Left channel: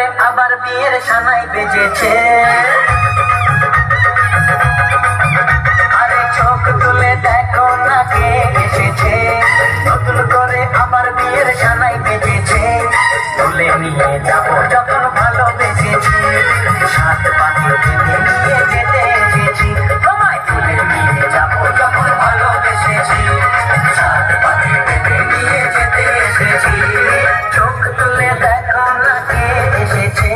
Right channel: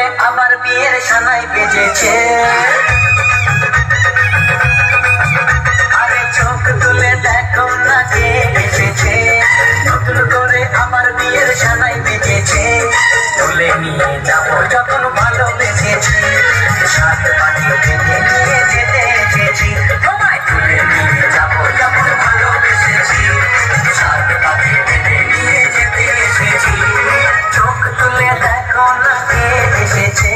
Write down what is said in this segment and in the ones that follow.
করে আবার বিয়ের সানাই বেজেছে। আরে চোখ তুলে দেখো না কে এসেছে, নতুন করে আবার বিয়ের সানাই বেজেছে। তুলে নিয়ে যাবো যখন ভালোবেসেছি, সাত পাখি বেঁধে নিয়ে যেতে এসেছি। তোমায় তুলে নিয়ে যাবো যখন ভালোবেসেছি, সাত পাখি বেঁধে নিয়ে যেতে এসেছি। চোখ তুলে দেখো না কে এসেছে,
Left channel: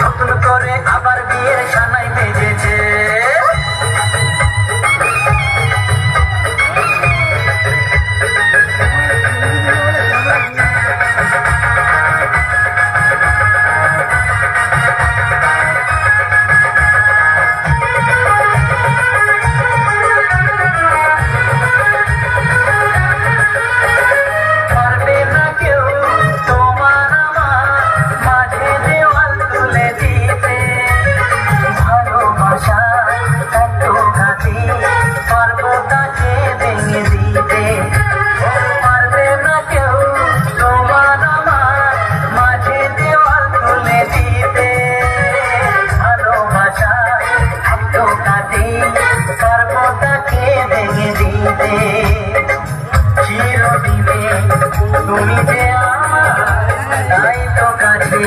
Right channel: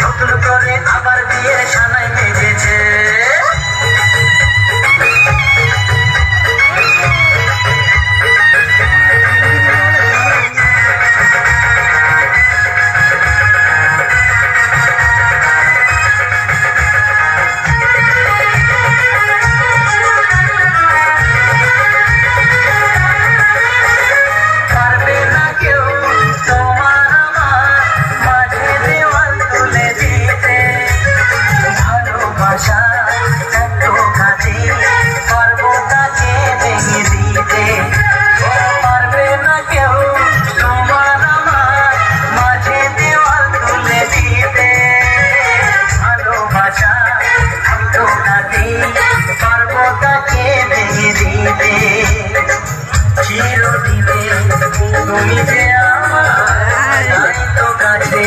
নতুন করে আবার বিয়ের সানাই বেজেছে। চিরদিনে তুমি যে আমার, তাই তো কাছে